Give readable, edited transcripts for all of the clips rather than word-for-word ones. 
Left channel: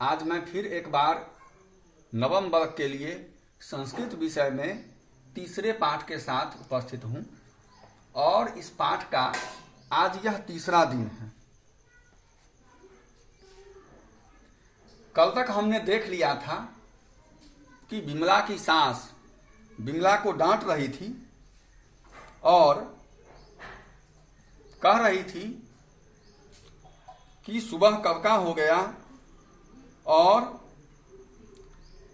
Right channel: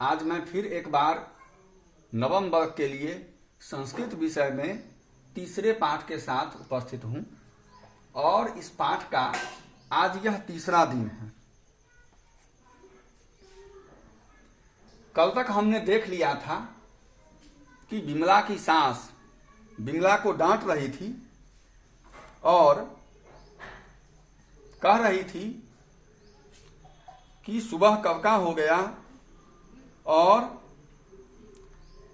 आज मैं फिर एक बार नवम वर्ग के लिए संस्कृत विषय में तीसरे पाठ के साथ उपस्थित हूं और इस पाठ का आज यह तीसरा दिन है। कल तक हमने देख लिया था कि विमला की सास विमला को डांट रही थी और कह रही थी कि सुबह कब का हो गया और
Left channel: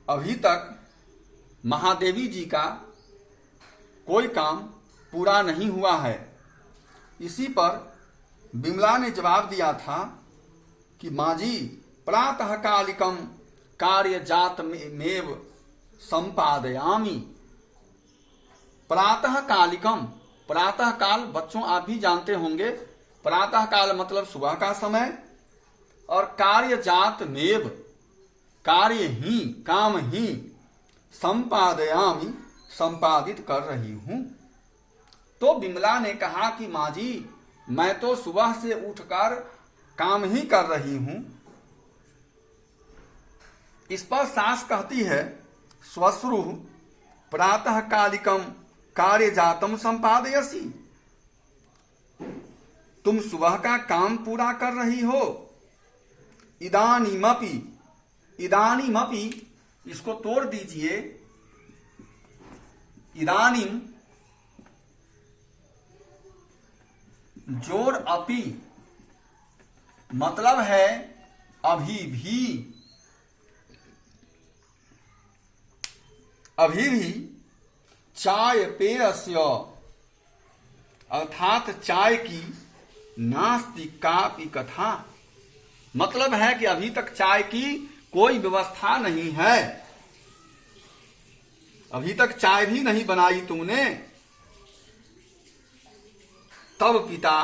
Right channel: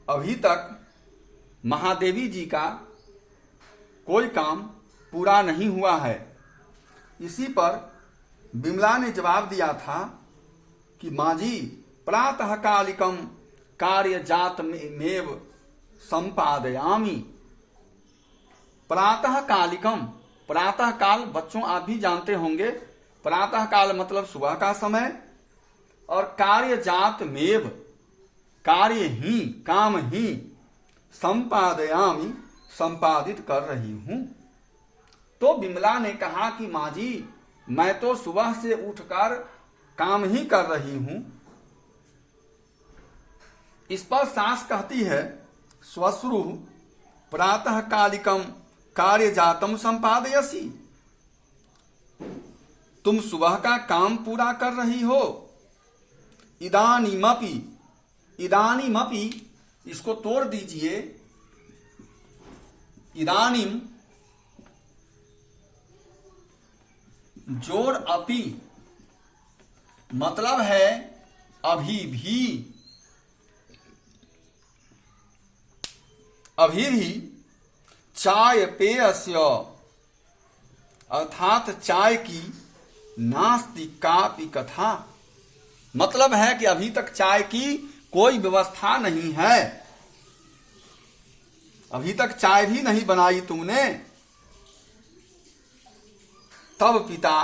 अभी तक महादेवी जी का कोई काम पूरा नहीं हुआ है। इसी पर विमला ने जवाब दिया था कि माँ जी, प्रातः कालिकम कार्य जात मेव संपादयामी। प्रातः कालिकम, प्रातः काल बच्चों आप भी जानते होंगे, प्रातः काल मतलब सुबह का समय, और कार्य जात मेव कार्य ही, काम ही, संपादयामी संपादित कर रही हूं। तो विमला ने कहा कि माँ जी, मैं तो सुबह से उठकर काम ही कर रही हूं। इस पर सास कहती है, स्वश्रु प्रातः कालिकम कार्य जातम संपादयसी। तुम सुबह का काम पूरा कर रही हो। इदानीमपि, इदानीमपि इसको तोड़ दीजिए। इदानीम जोड़ अपि मतलब है अभी भी, अभी भी चाय पेयस्य अर्थात चाय की नास्ति कापि कथा, मतलब है कि अभी तक चाय की कोई व्यवस्था नहीं है, अभी तक चाय भी नहीं बनाई तुमने। तब पिता,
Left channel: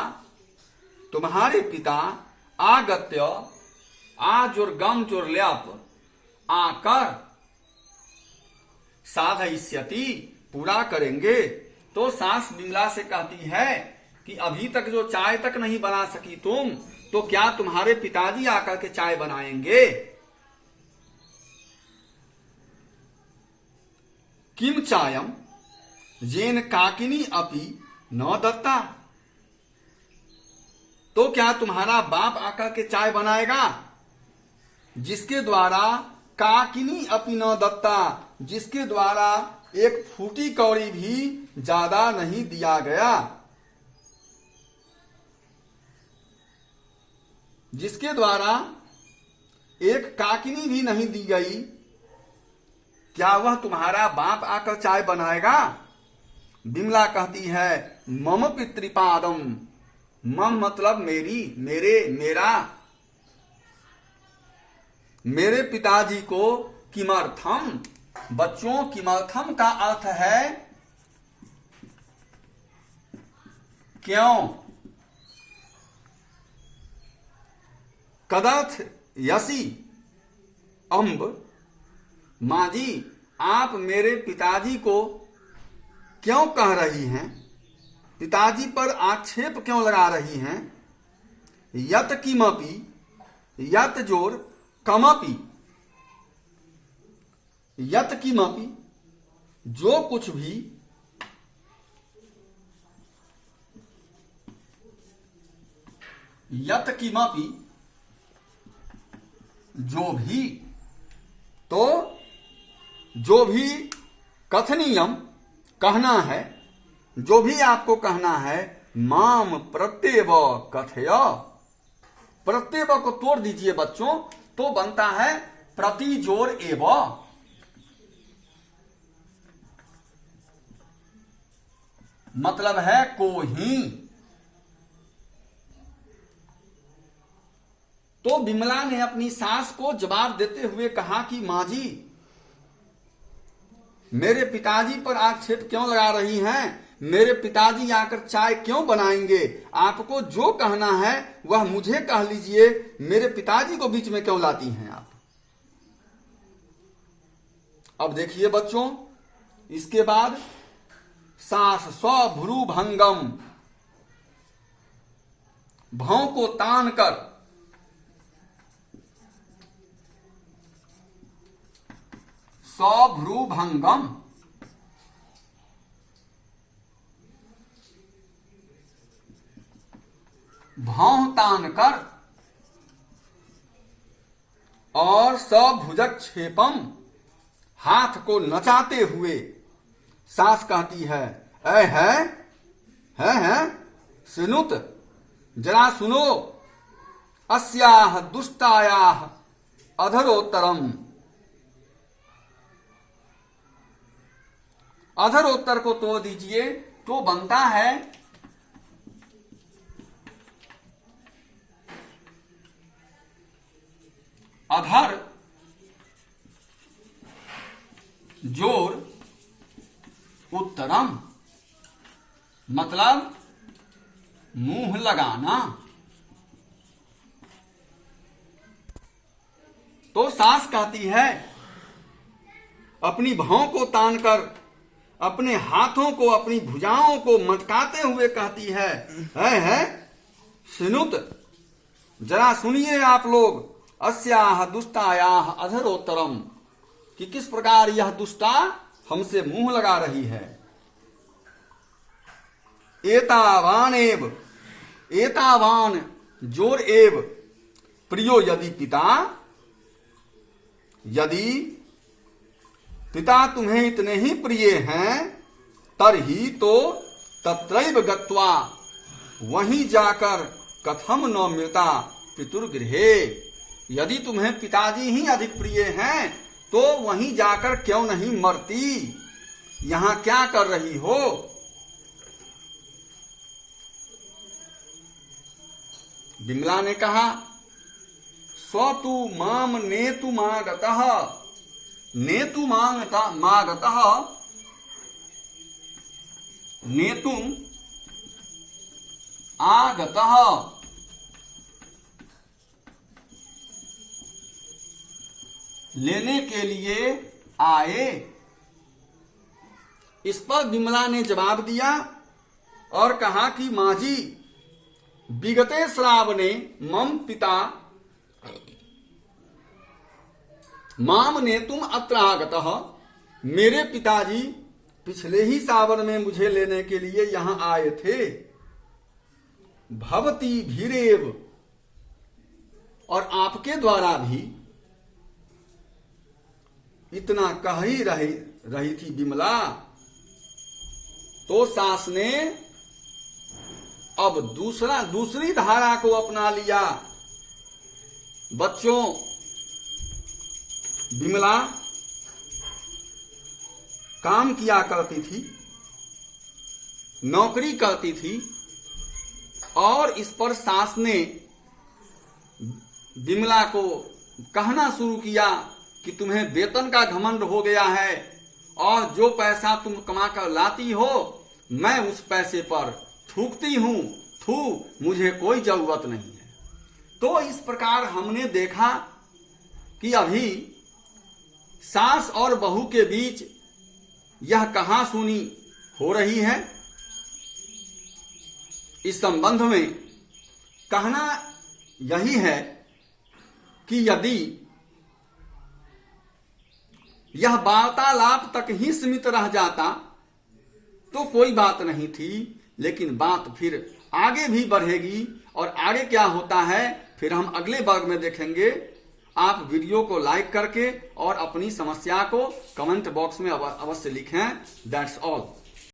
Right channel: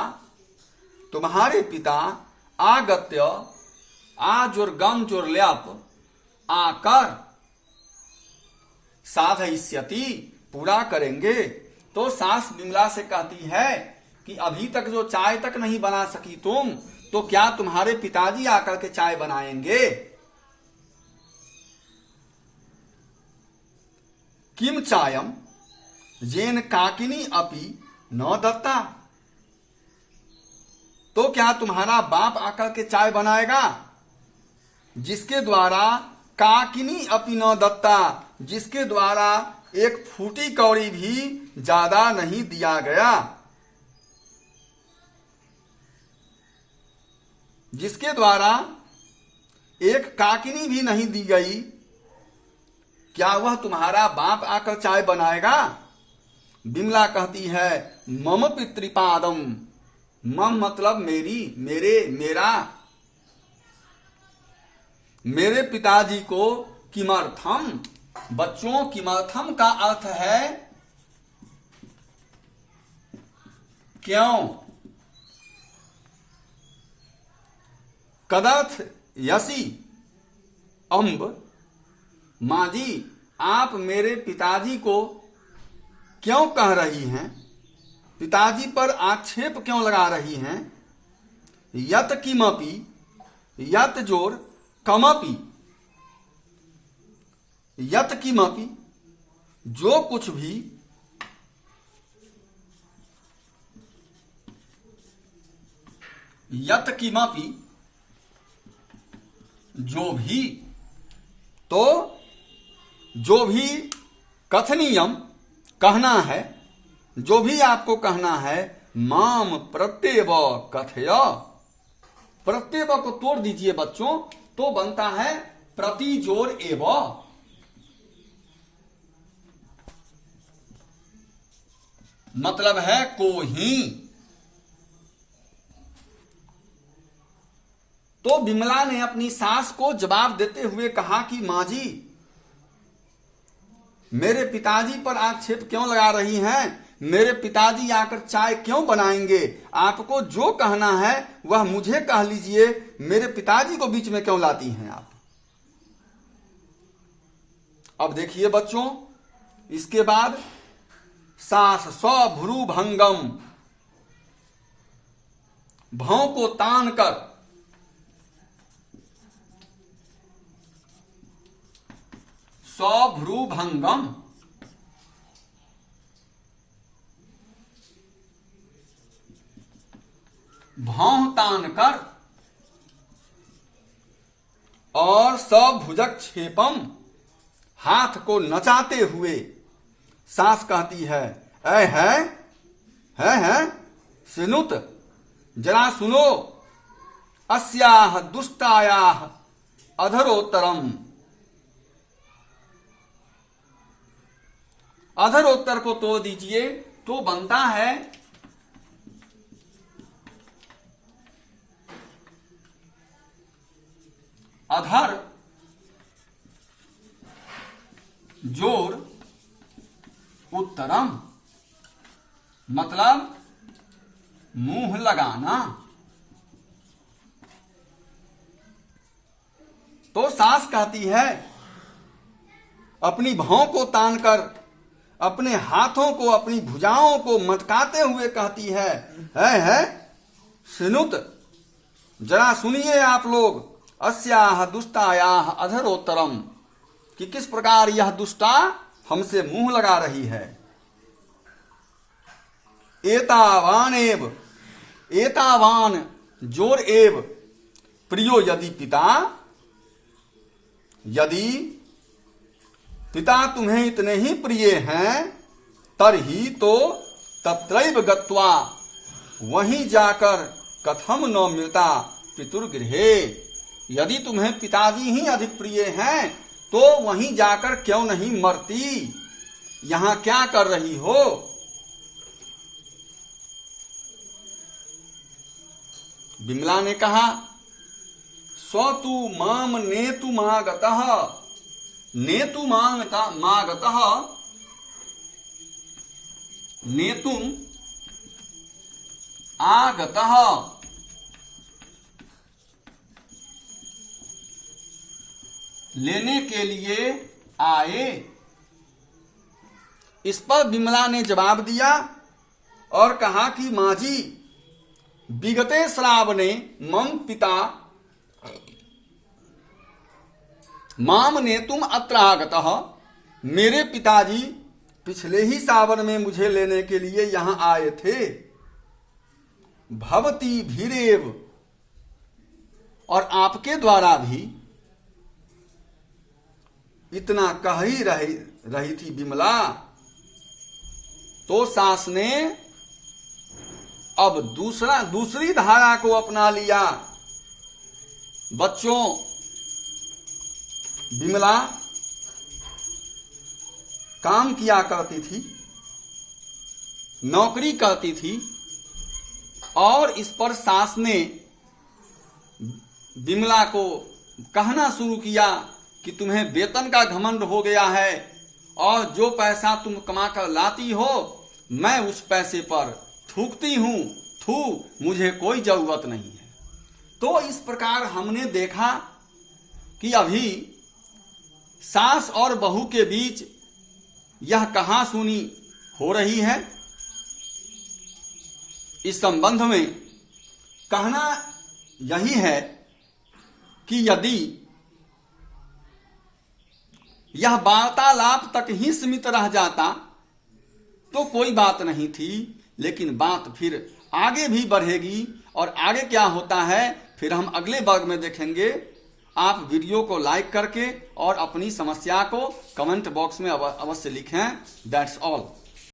तुम्हारे पिता, आगत्य आजुर्गम जुर्ल्याप आकर साधयिष्यति पूरा करेंगे। तो सास विमला से कहती है कि अभी तक जो चाय तक नहीं बना सकी तुम, तो क्या तुम्हारे पिताजी आकर के चाय बनाएंगे? किम चायम येन काकिनी अपि न दत्ता। तो क्या तुम्हारा बाप आकर के चाय बनाएगा जिसके द्वारा काकिनी अपि न दत्ता, जिसके द्वारा एक फूटी कौड़ी भी ज्यादा नहीं दिया गया, जिसके द्वारा एक काकिनी भी नहीं दी गई, क्या वह तुम्हारा बाप आकर चाय बनाएगा? विमला कहती है, मम पितृपादम, मम मतलब मेरी, मेरे, मेरा, मेरे पिताजी को किमर्थम, बच्चों किमर्थम का अर्थ है क्यों। कदर्थ यसी अम्ब, माँ जी आप मेरे पिताजी को क्यों कह रही हैं, पिताजी पर आक्षेप क्यों लगा रही हैं। यत किमपि, यत जोर कमपि, यत किमपि जो कुछ भी, यत किमपि जो भी, तो जो भी कथनीयम कहना है, जो भी आपको कहना है, माम प्रत्येव कथय, प्रत्येव को तोड़ दीजिए बच्चों, तो बनता है प्रति जोर एव, मतलब है को ही। तो विमला ने अपनी सास को जवाब देते हुए कहा कि माँ जी, मेरे पिताजी पर आक्षेप क्यों लगा रही हैं, मेरे पिताजी आकर चाय क्यों बनाएंगे, आपको जो कहना है वह मुझे कह लीजिए, मेरे पिताजी को बीच में क्यों लाती हैं आप। अब देखिए बच्चों, इसके बाद सास स्वभ्रू भंगम, भौं को तान कर सौभ्रूभंगम, भौं तान कर, और सभुजक्षेपम, हाथ को नचाते हुए सास कहती है, ऐ है सुनुत, जरा सुनो, अस्याह दुष्टायाह अधरोत्तरम। अधरोत्तर को तोड़ दीजिए तो बनता है अधर जोर उत्तरम, मतलब मुंह लगाना। तो सास कहती है, अपनी भौं को तानकर अपने हाथों को, अपनी भुजाओं को मटकाते हुए कहती है सुनुत, जरा सुनिए आप लोग, अस्याह दुष्टायाह अधरोत्तरम, कि किस प्रकार यह दुष्टा हमसे मुंह लगा रही है। एतावानेव, एतावान जोर एव, प्रियो यदि पिता, यदि पिता तुम्हें इतने ही प्रिय हैं, तरही तो तत्रैव गत्वा, वहीं जाकर कथम न मृता पितुर्गृहे, यदि तुम्हें पिताजी ही अधिक प्रिय हैं तो वहीं जाकर क्यों नहीं मरती, यहां क्या कर रही हो। विमला ने कहा, स्वतु माम नेतु मागतः, नेतु मागतः, नेतुम आगतः, लेने के लिए आए। इस पर विमला ने जवाब दिया और कहा कि मां जी, विगते श्रावणे मम पिता माम नेतुम अत्र आगतः, मेरे पिताजी पिछले ही सावन में मुझे लेने के लिए यहां आए थे। भवती भीरेव, और आपके द्वारा भी इतना कह ही रही थी विमला। तो सास ने अब दूसरी धारा को अपना लिया। बच्चों, विमला काम किया करती थी, नौकरी करती थी, और इस पर सास ने विमला को कहना शुरू किया कि तुम्हें वेतन का घमंड हो गया है और जो पैसा तुम कमाकर लाती हो मैं उस पैसे पर थूकती हूं, मुझे कोई जरूरत नहीं है। तो इस प्रकार हमने देखा कि अभी सास और बहू के बीच यह कहासुनी हो रही है। इस संबंध में कहना यही है कि यदि यह वार्तालाप तक ही सीमित रह जाता तो कोई बात नहीं थी, लेकिन बात फिर आगे भी बढ़ेगी और आगे क्या होता है फिर हम अगले वर्ग में देखेंगे। आप वीडियो को लाइक करके और अपनी समस्या को कमेंट बॉक्स में अवश्य लिखें। That's all.